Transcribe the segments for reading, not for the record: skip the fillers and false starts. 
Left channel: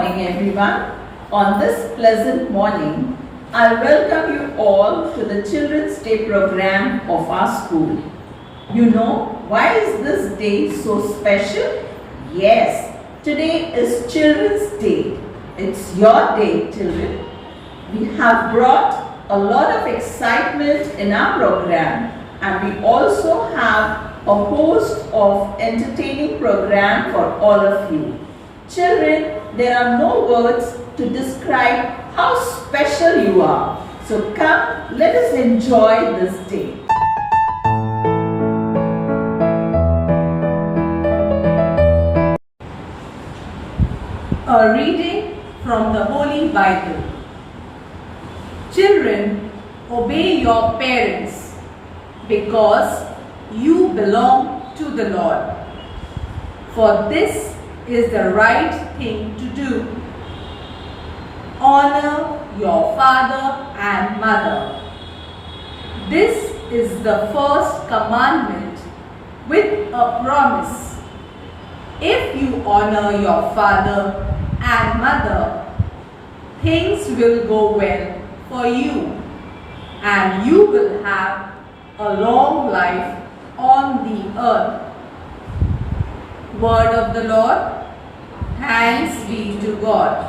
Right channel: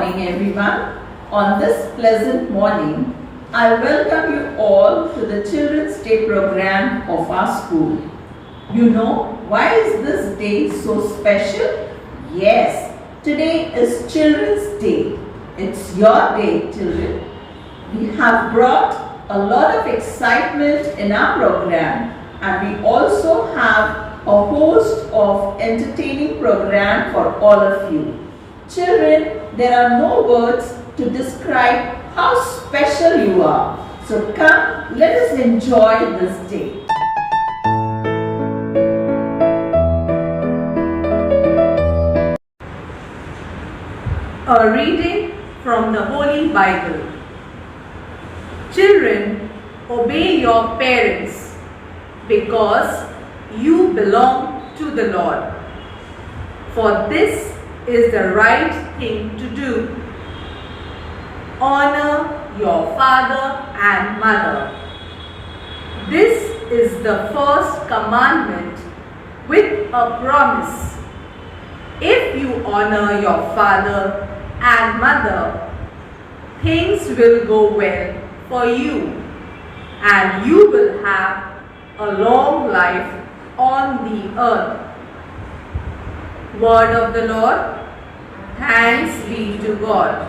morning, everyone. On this pleasant morning, I welcome you all to the Children's Day program of our school. You know, why is this day so special? Yes, today is Children's Day. It's your day, children. We have brought a lot of excitement in our program, and we also have a host of entertaining program for all of you. Children, there are no words to describe how special you are. So come, let us enjoy this day. A reading from the Holy Bible. Children, obey your parents because you belong to the Lord. For this is the right thing to do. Honor your father and mother. This is the first commandment with a promise. If you honor your father and mother, things will go well for you, and you will have a long life on the earth. Word of the Lord. Thanks be to God.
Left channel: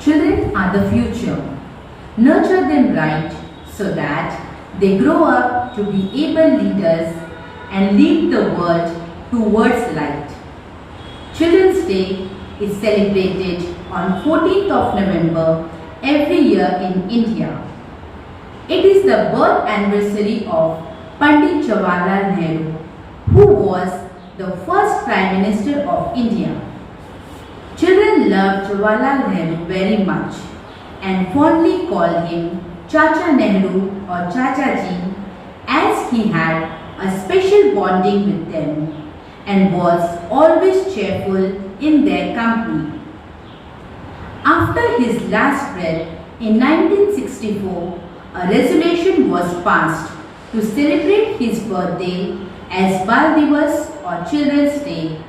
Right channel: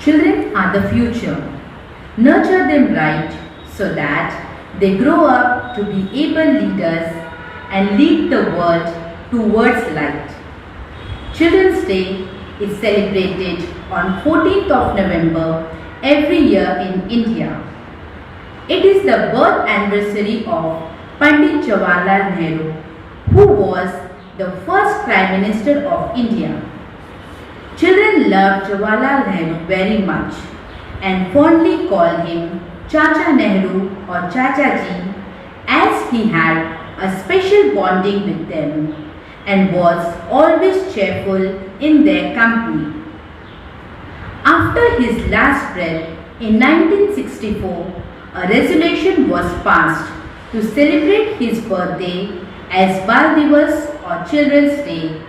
Children are the future. Nurture them right so that they grow up to be able leaders and lead the world towards light. Children's Day is celebrated on 14th of November every year in India. It is the birth anniversary of Pandit Jawaharlal Nehru, who was the first Prime Minister of India. Children love Jawaharlal Nehru very much and fondly call him Chacha Nehru or Chacha Ji, as he had a special bonding with them and was always cheerful in their company. After his last breath in 1964, a resolution was passed to celebrate his birthday as Bal Divas or Children's Day,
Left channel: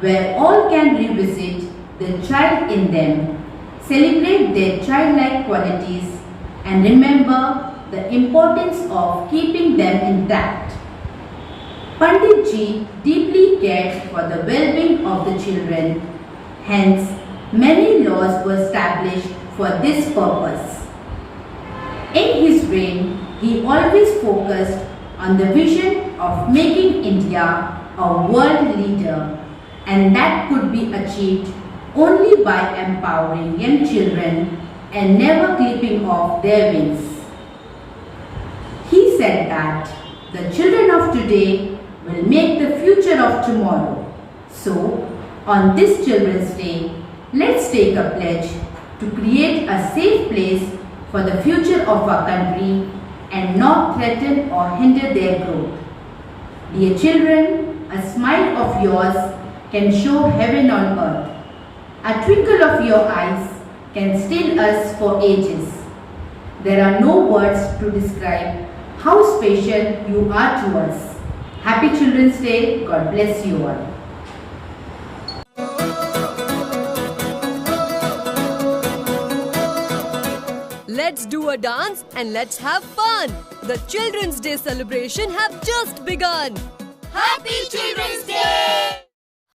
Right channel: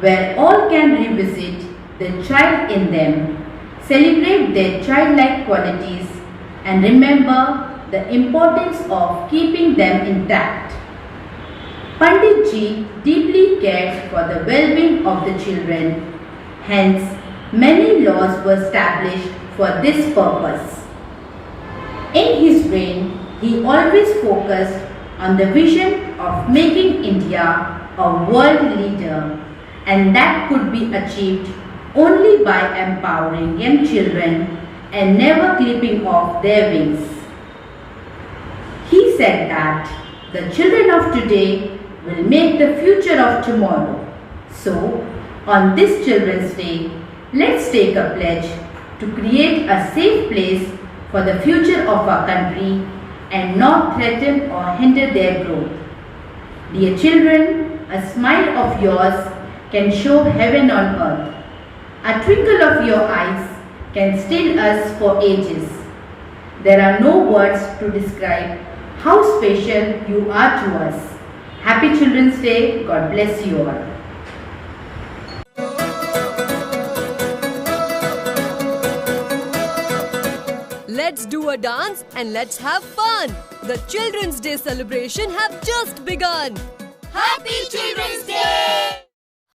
where all can revisit the child in them, celebrate their childlike qualities, and remember the importance of keeping them intact. Pandit Ji deeply cared for the well-being of the children, hence many laws were established for this purpose. In his reign, he always focused on the vision of making India a world leader, and that could be achieved only by empowering young children and never clipping off their wings. He said that the children of today will make the future of tomorrow. So, on this Children's Day, let's take a pledge to create a safe place for the future of our country and not threaten or hinder their growth. Dear children, a smile of yours can show heaven on earth. A twinkle of your eyes can still us for ages. There are no words to describe how special you are to us. Happy Children's Day. God bless you all. Let's do a dance and let's have fun. The Children's Day celebration have just begun. Happy Children's Day!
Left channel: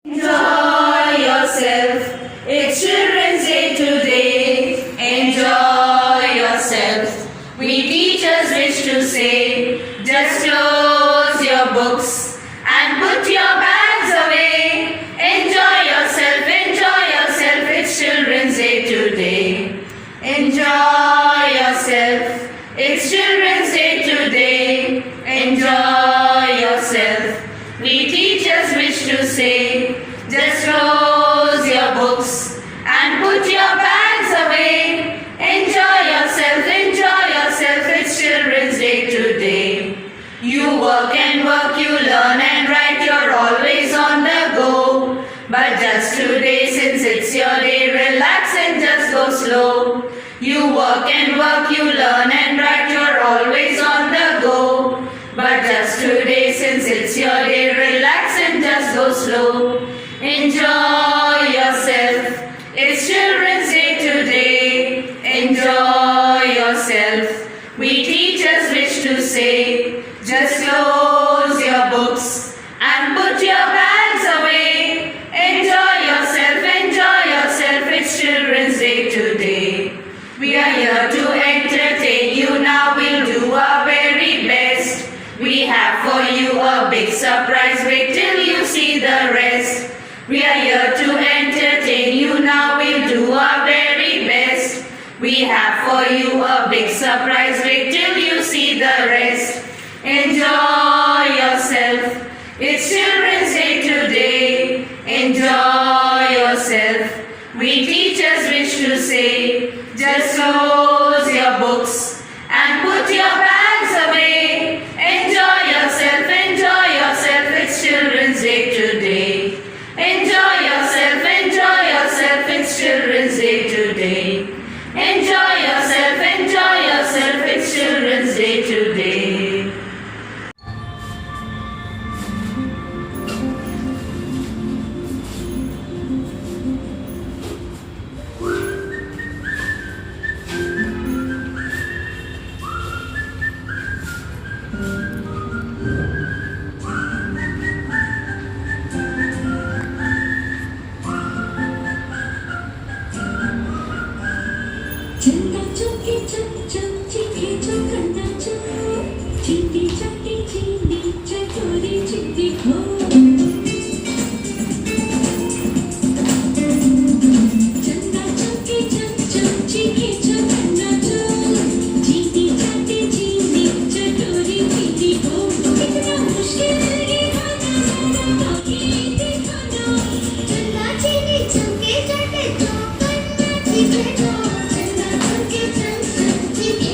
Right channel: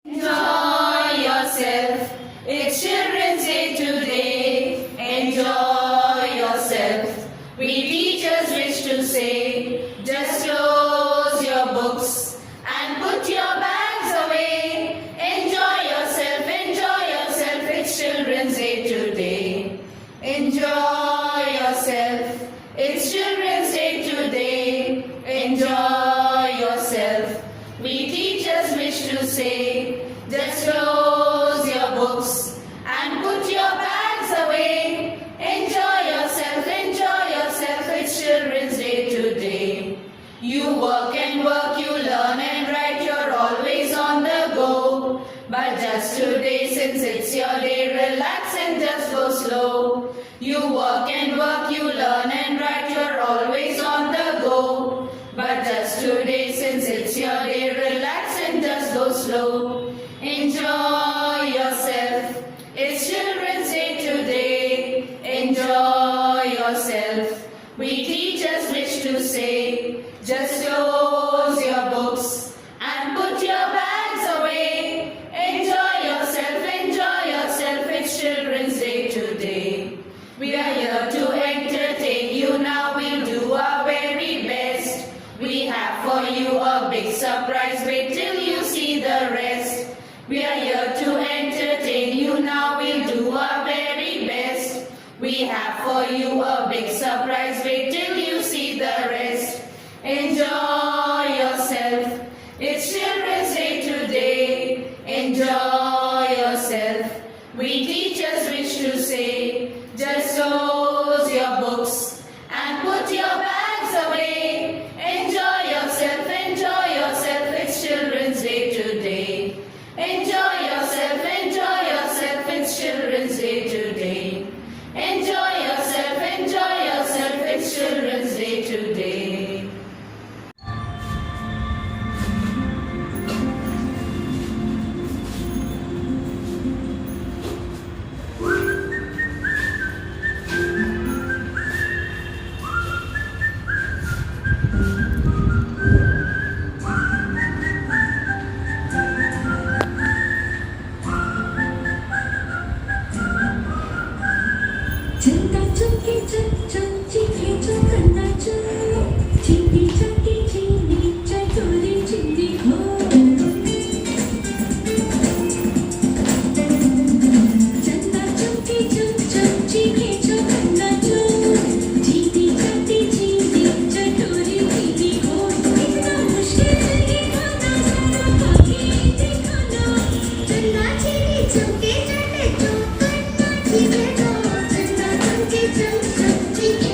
Enjoy yourself. It's Children's Day today. Enjoy yourself. We teachers wish to say, just close your books and put your bags away. Enjoy yourself. Enjoy yourself. It's Children's Day today. Enjoy yourself. It's Children's Day today. Enjoy yourself. We teachers wish to say, just close your books and put your bags away. Enjoy yourself. Enjoy yourself. It's Children's Day today. You work and work, you learn and write, you're always on the go. But just today, since it's your day, relax and just go slow. You work and work, you learn and write, you're always on the go. But just today, since it's your day, relax and just go slow. Enjoy yourself. It's Children's Day today. Enjoy yourself. We teachers wish to say, just close your books and put your bags away. Enjoy yourself. Enjoy yourself. It's Children's Day today. We are here to entertain you, now we'll do our very best. We have for you a big surprise, wait till you see the rest. We are here to entertain you, now we'll do our very best. We have for you a big surprise, wait till you see the rest. Enjoy yourself, it's Children's Day today. Enjoy yourself, we teachers wish to say, just close your books and put your bags away. Enjoy yourself, it's Children's Day today. Enjoy yourself, it's Children's Day today. Enjoy yourself, it's Children's Day today. चलता चौके चल चल चीखे चौकन्ना चल चीनी चटोरी चिट्टी खो चलता चौके चल चल चीखे चौकन्ना चल चीनी चटोरी चिट्टी खो इतना मुश्किल ये खाना सबका ही दिखाना चलना चीनी चौके चटे चौकन्ना चीखे खो चलना चौके चल चल चीखे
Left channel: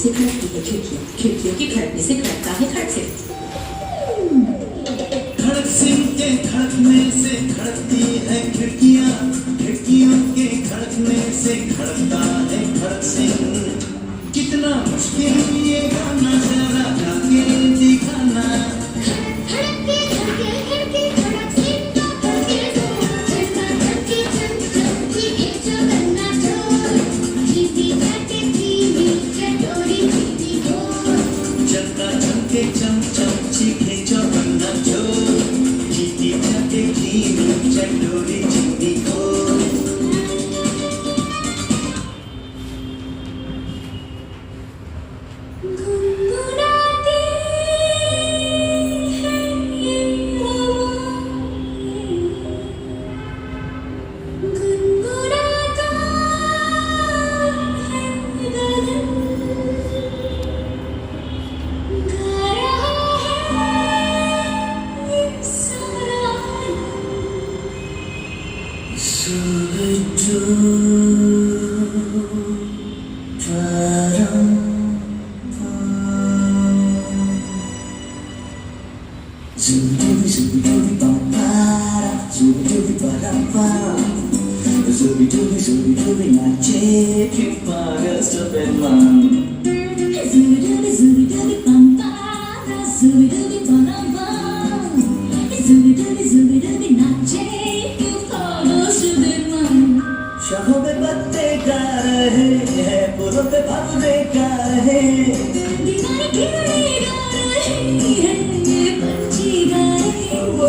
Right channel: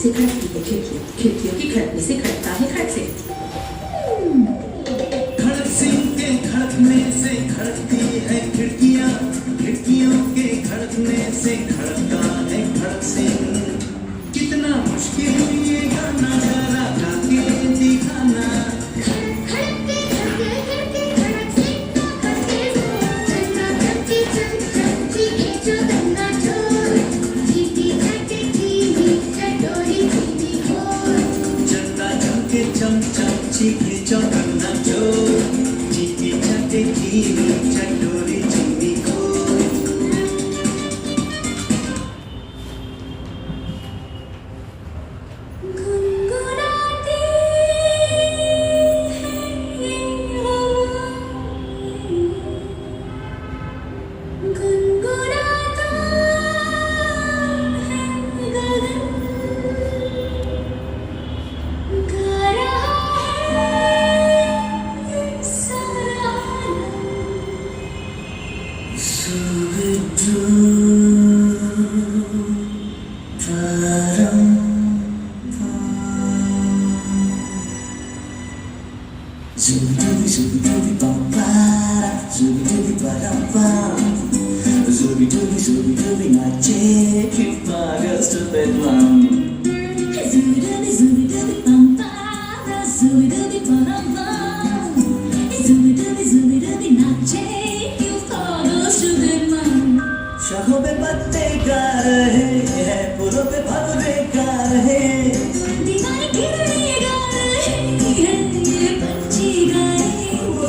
से खड़कती है खिड़कियाँ, खिड़कियों की खड़कने से खड़कता है खड़क से। खड़क सिंह के खड़कने से खड़कती है खिड़कियाँ, खिड़कियों के खड़कने से खड़कता है खड़क सिंह। कितना मुश्किल ये गाना जरा गा के दिखाना। खड़के खड़के खड़के खड़क से तो खड़के चन्ना चमके चम चम चीखे जो गन्ना चोर चीटी चाटे चीनी चटोरी चीटी घोर। चन्ना चमके चम चम चीखे चौगन्ना चोर चीटी चाटे चीनी चटोरी चीनी घोर। गुनगुनाती है ये हवा, गुनगुनाता है गगन, गा रहा है ये सारा Zooby dooby bum ba, zooby dooby bum bum, zooby dooby नाचे क्यों पागल सुदर्शन। शाखों पे पत्ते गा रहे हैं, फूलों पे भंवरे गा रहे हैं। दीवाने गिरने गा रहे हैं, ये पंछी गा रहे हैं। वो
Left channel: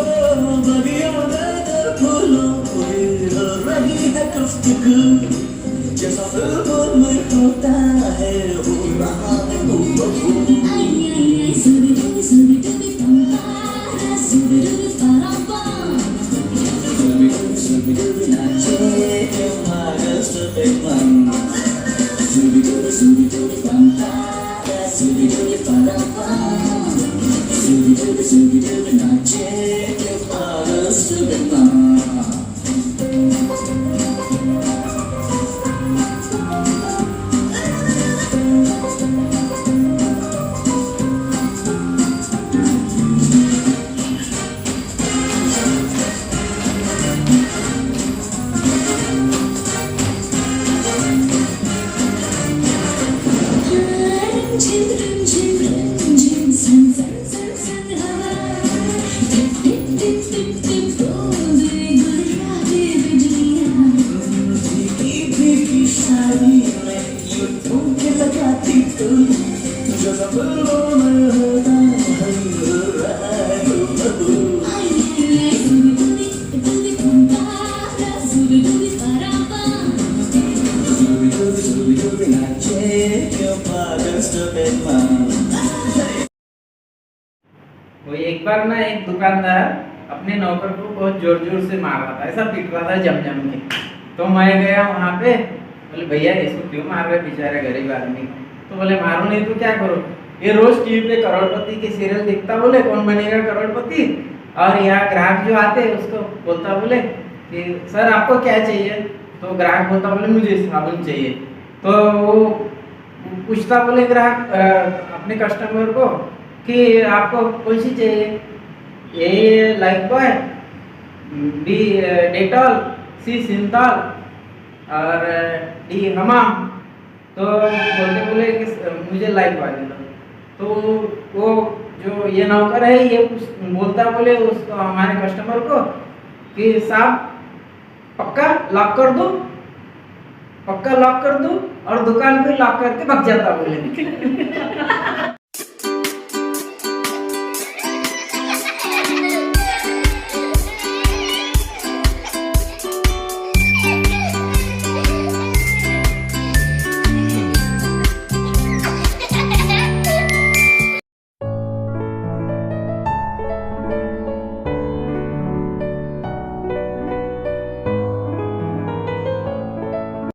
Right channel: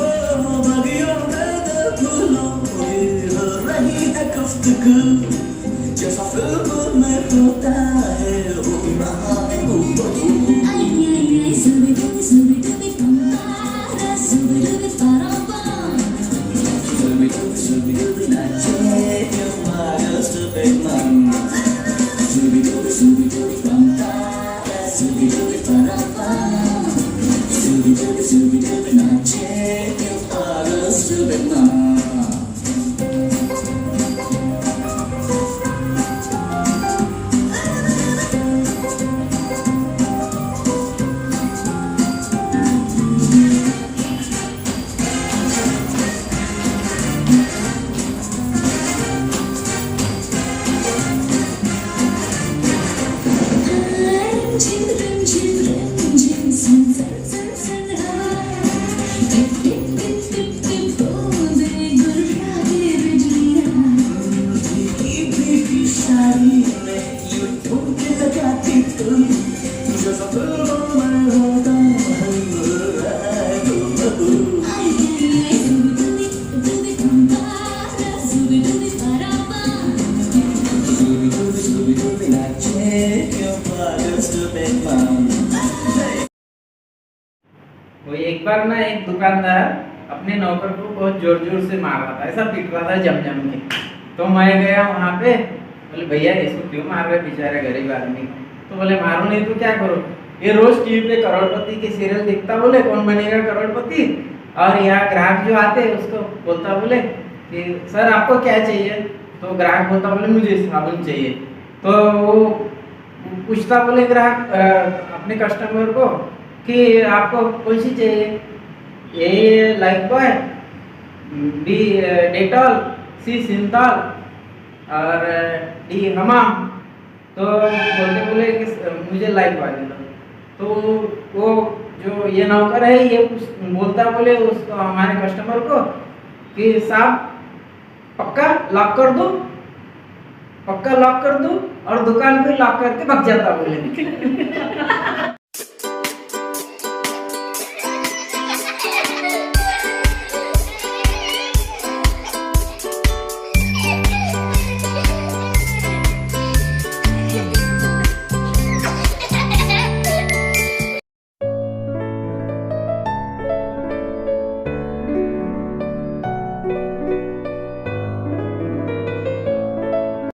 बगियों में तो फूलों की हो रही है गुफ्तगू, जैसा फिल्मों में होता है हो रहा है हूबहू। आई आई आई zooby dooby bum ba, zooby dooby bum bum, Zooby dooby नाचे क्यों पागल Sudarshan. zooby dooby bum ba, zooby dooby bum bum, zooby dooby नाचे क्यों पागल सुदर्शन। वो एक बार ना एक दुकानदार अपने नौकर को बहुत जोर जोर से मार रहा था, ऐसा पीट रहा था जम जम के। तो मैं गया वहाँ पे, बोले भैया इसको क्यों मार रहे बेचारे गरीब आदमी। तो बोले मारो नहीं तो क्या करो, ये रोज टीवी पे करोड़पति के सीरियल देखता, बोले कौन बनेगा करोड़पति। और यहाँ ग्राहक जो आते उसको बोलता बोले कि सर आपको क्या चाहिए। तो ग्राहक बोलता बोले मुझे साबुन चाहिए। तो वो पूछता बोले ग्राहक अपने कस्टमर को कि आपको कौन सी चाहिए, A Lifebuoy, B Dettol, C Cinthol और डी हमाम। तो बोलते बोले कि मुझे लाइफ बॉय दे दो। तो वो जो ये नौकर है ये बोलता बोले उसको हमारे कस्टमर को कि साहब पक्का लॉक कर दो, पक्का लॉक कर दो, और दुकान पे लॉक करके भाग जाता बोले।